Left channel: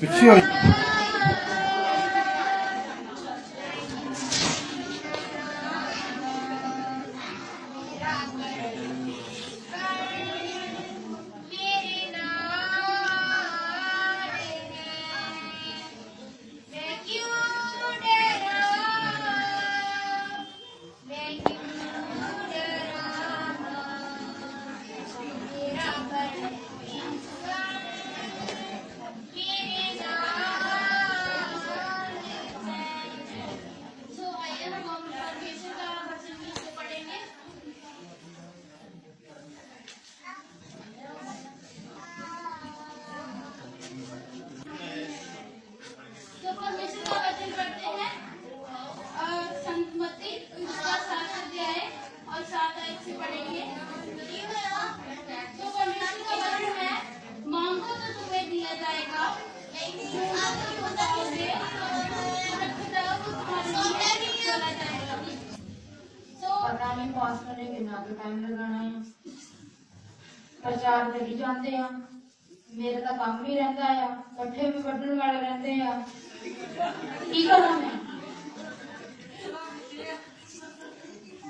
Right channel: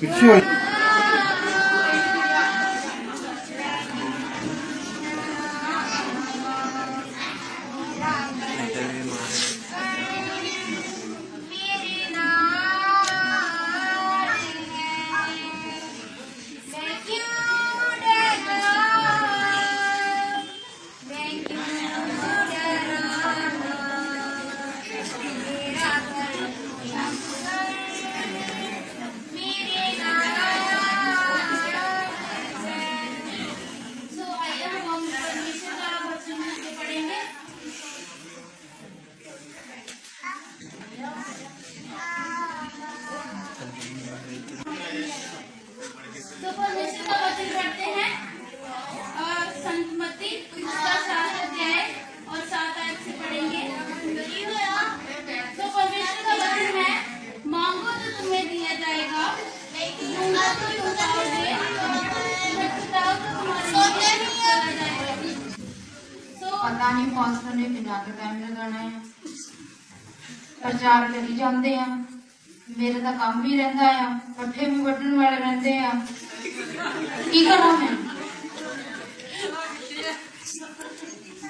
पीछे पता नहीं पास्टर ने कितना टाइम लगाना है प्रचार करी जाते हैं मेरा तो काम भी रहता है पट्ठे भी वड्डन वाले रहते हैं की करूं मैं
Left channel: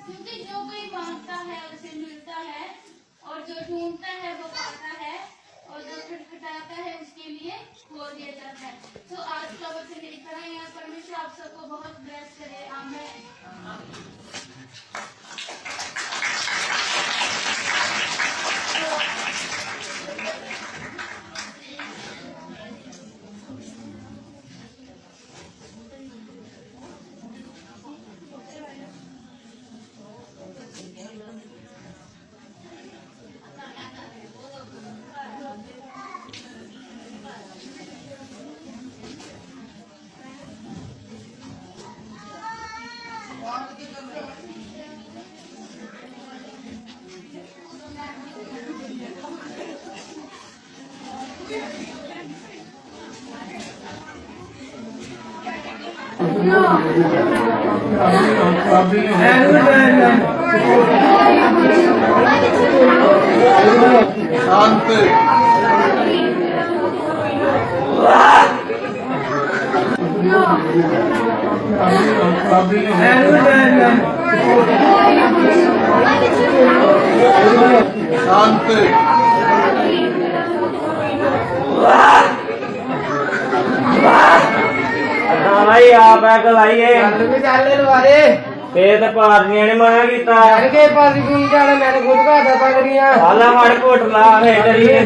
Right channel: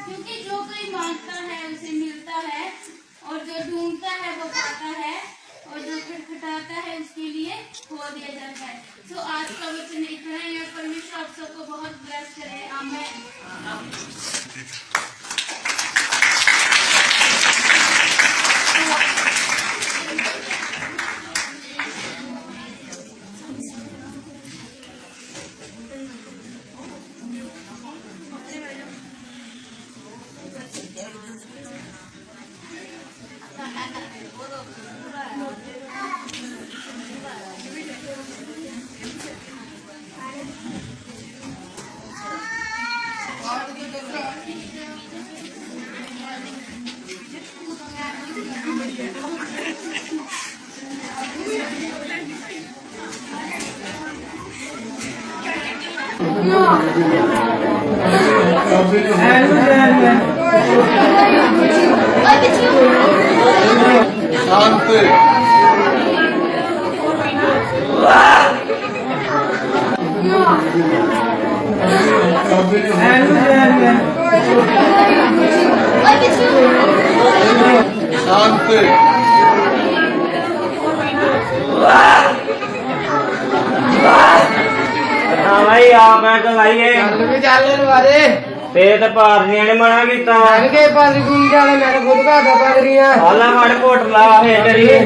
क्योंकि जो कोई मांगता है उसे मिलता है और जो ढूंढता है वो पाता है और जो खटखटाता है उसके लिए खोल दिया जाता है। तो आज का वचन इतना ही है। परमेश्वर आप सबको बहुत ब्लेस करे। आमीन। शांति शांति हाँ भाई आप कल आइए पेट पारनिया ने मना किया आला फड़ घोटला है डरिए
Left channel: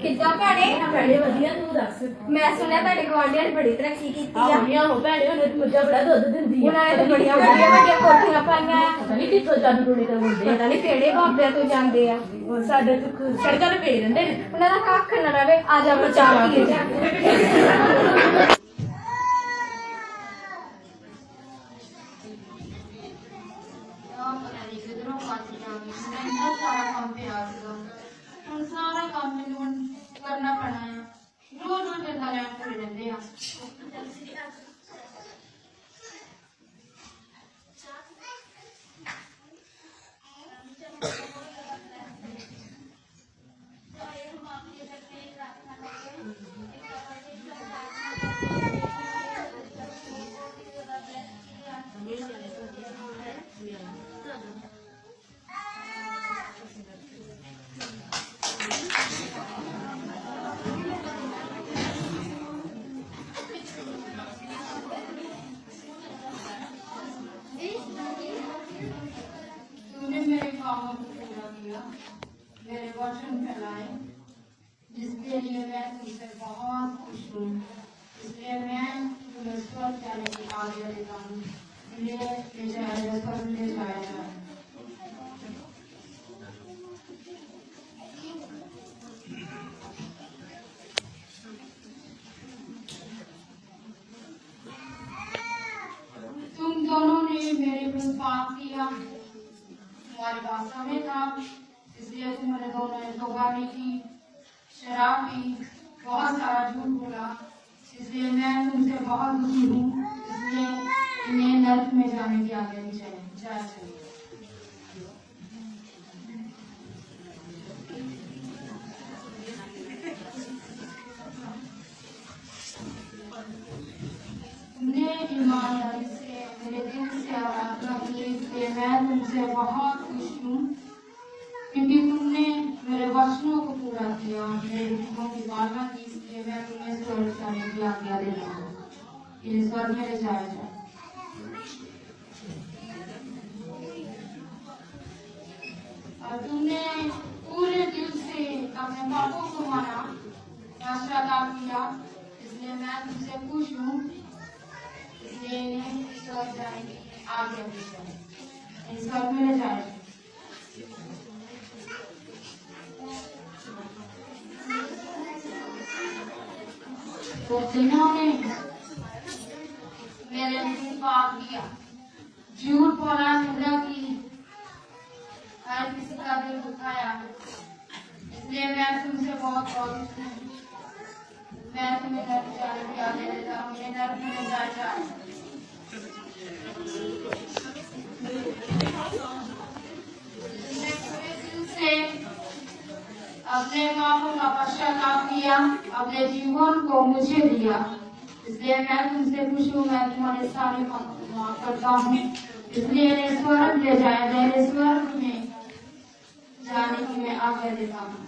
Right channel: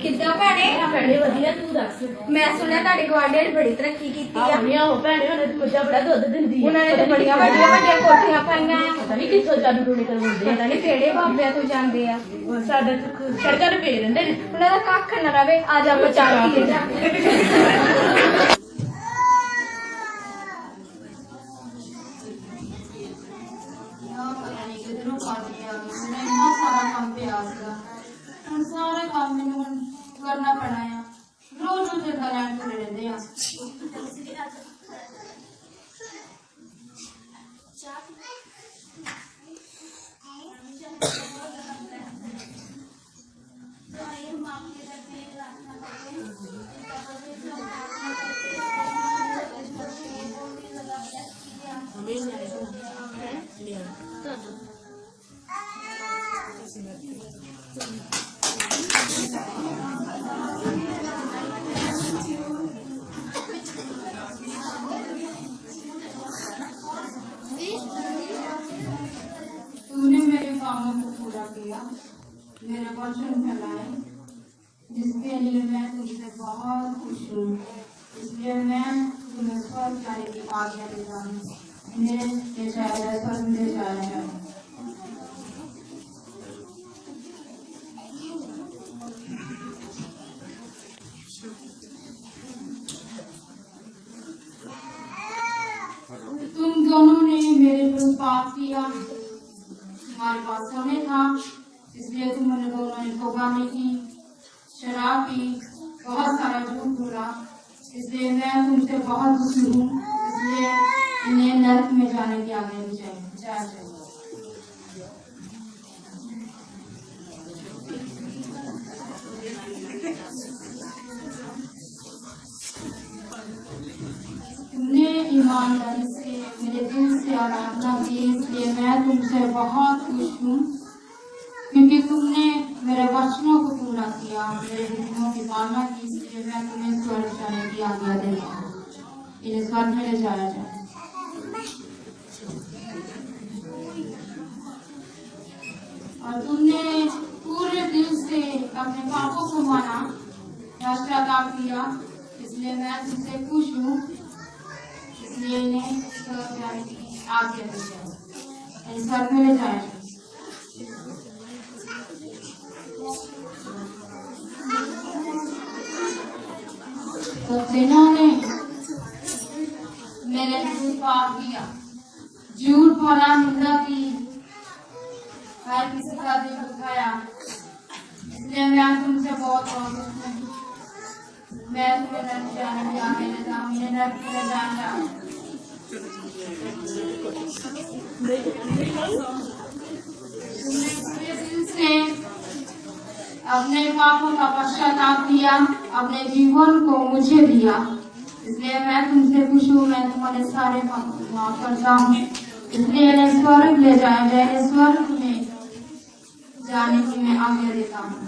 ਕਿੱਦਾਂ ਭੈਣੇ ਭੈਣੇ ਵਧੀਆ ਤੂੰ ਦੱਸ ਮੈਂ ਸੁਣਿਆ ਤੁਹਾਡੇ ਗਵਾਂਢੀਆਂ ਨੇ ਬੜੀ ਤਰੱਕੀ ਕੀਤੀ ਆ ਆਉਣੀਆਂ ਹੋ ਭੈਣੇ ਉਹਨਾਂ ਦੀ ਮੱਝਾਂ ਬੜਾ ਦੁੱਧ ਦਿੰਦੀ ਆ ਉਹਨਾਂ ਨੇ ਤਾਂ ਬੜੀਆਂ ਵੱਡੀਆਂ ਵੱਡੀਆਂ ਕੋਠੀਆਂ ਪਾਈਆਂ ਆ ਪਤਾ ਨਹੀਂ ਕਿੱਥੋਂ ਜਾਦੂ ਟੂਣੇ ਕਰਵਾਉਂਦੇ ਪਤਾ ਨਹੀਂ ਕਿਹੜੇ ਬਾਬਿਆਂ ਤੋਂ ਜਾਂਦੇ ਆ ਸਾਡੇ ਤੋਂ ਸੜਕਾਂ ਤੇ ਪਏ ਰਹਿੰਦੇ ਨੇ ਉਹਨਾਂ ਦਾ ਕੱਖ ਨਾ ਰਵੇ ਆ ਜਾ ਬਚਾ ਕੇ ਜਾ कितनों फस गया मैंने इतना सारा काम पिया हम सारा काम मैंने करना पड़ा है रोज रोज इतना लैंड खड़े रहते हैं तुमने मेरे कामों को पूरा किया मेरे वचन फैलाए जिसके लिए मैं तुमसे बहुत खुश हूँ इसलिए मैं तुम्हें स्वर्ग जाने की आज्ञा देता हूँ इन्हें ले जाया जाए स्वर्ग ले जाया जाए तुम दोनों ने मेरे विरुद्ध पाप किया, तुम्हारे पास समय था इसलिए तुमने दोनों ने तौबा नहीं की, शराब पी, बहुत सारा झूठ बोला, इसलिए मैं तुमसे बहुत दुखी हूँ, इसलिए इन्हें नरक में जाने की आज्ञा दी जाए चाहिए। तुमने ईमानदारी से मेरे दिल से आराधना की, इसलिए मैं तुमसे बहुत खुश हूँ, क्योंकि तुमने मेरे वचनों को पूरा किया, मेरे हुक्मों की पालना की, इसलिए मैं तुम्हें स्वर्ग जाने की आज्ञा देता हूँ। इन्हें स्वर्ग में ले जाया जाए। और तुमने पूरे दिल से अपने पापों को माना, पश्चाताप किया, इसलिए मैं तुमसे खुश हूँ, इसलिए इन्हें स्वर्ग जाने की आज्ञा दी जाए। इन्हें स्वर्ग में ले जाया जाए। तो जिन्होंने मेरे दिल पाप किया, झूठ बोला, निंदा की, हर किसी का दिल दुखाया, इसलिए मैं तुमसे बहुत खुश हूँ। मैं तुम्हें नरक जाने की आज्ञा देता हूँ। इन्हें नरक में जाया जाए। तुमने पूरे दिल से अपने पापों का पश्चाताप किया, अपने जीवन को मुझे दिया, इसलिए मैं तुमसे खुश हूँ। मैं तुम्हारे सारे पापों को माफ करता हूँ, इसलिए इन्हें स्वर्ग ले जाया जाए। स्वर्ग में जाने की मैं आज्ञा देता हूँ।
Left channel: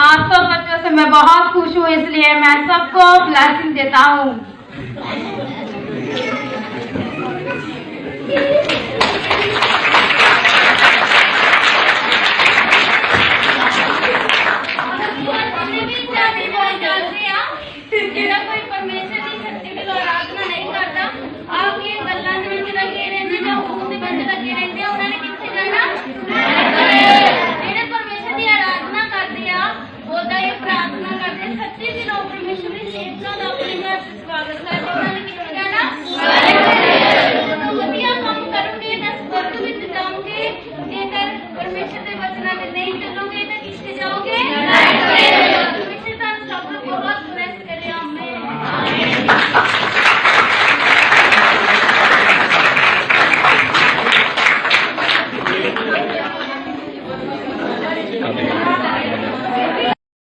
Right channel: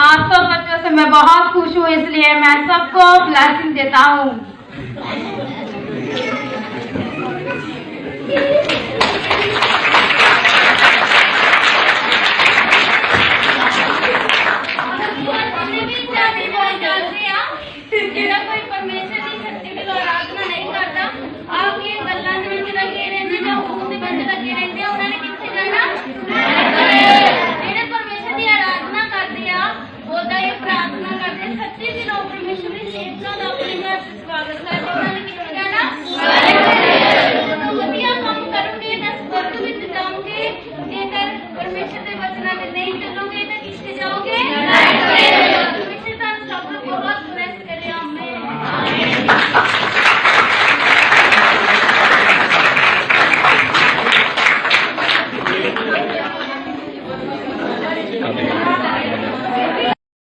आप सब बच्चों से मैं बहुत खुश हूँ, इसलिए मैं सबको ब्लेसिंग देता हूँ। ਜਿਹੜਾ ਕੋਈ ਪਰਮੇਸ਼ਰ ਦੀ ਸ਼ਕਤੀ ਦੀ ਆਰਾਧਨਾ ਨਹੀਂ ਕਰਦਾ, ਆਪ ਇਹ ਗੱਲਾਂ ਦੇ ਵਿੱਚ ਲੱਗੇ ਰਹਿੰਦੇ ਜਾਂ ਉਸ ਦੇ ਵਿੱਚ ਲੱਗੇ ਰਹਿੰਦੇ, ਉਹਨਾਂ ਨੇ ਕਿੱਥੇ ਜਾਣਾ? ਜਿਹੜੇ ਪਰਮੇਸ਼ਰ ਦੀ ਆਰਾਧਨਾ ਕਰਦੇ ਆ, ਉਹਦਾ ਇਹ ਪ੍ਰਾਰਥਨਾ ਕਰਦੇ, ਸੱਚੀ ਦਿਲੋਂ ਪਰਮੇਸ਼ਰ ਦੀ ਸੇਵਕਾਂ ਦਾ ਆਪਣੇ ਘਰ ਸਵਾਗਤ ਕਰ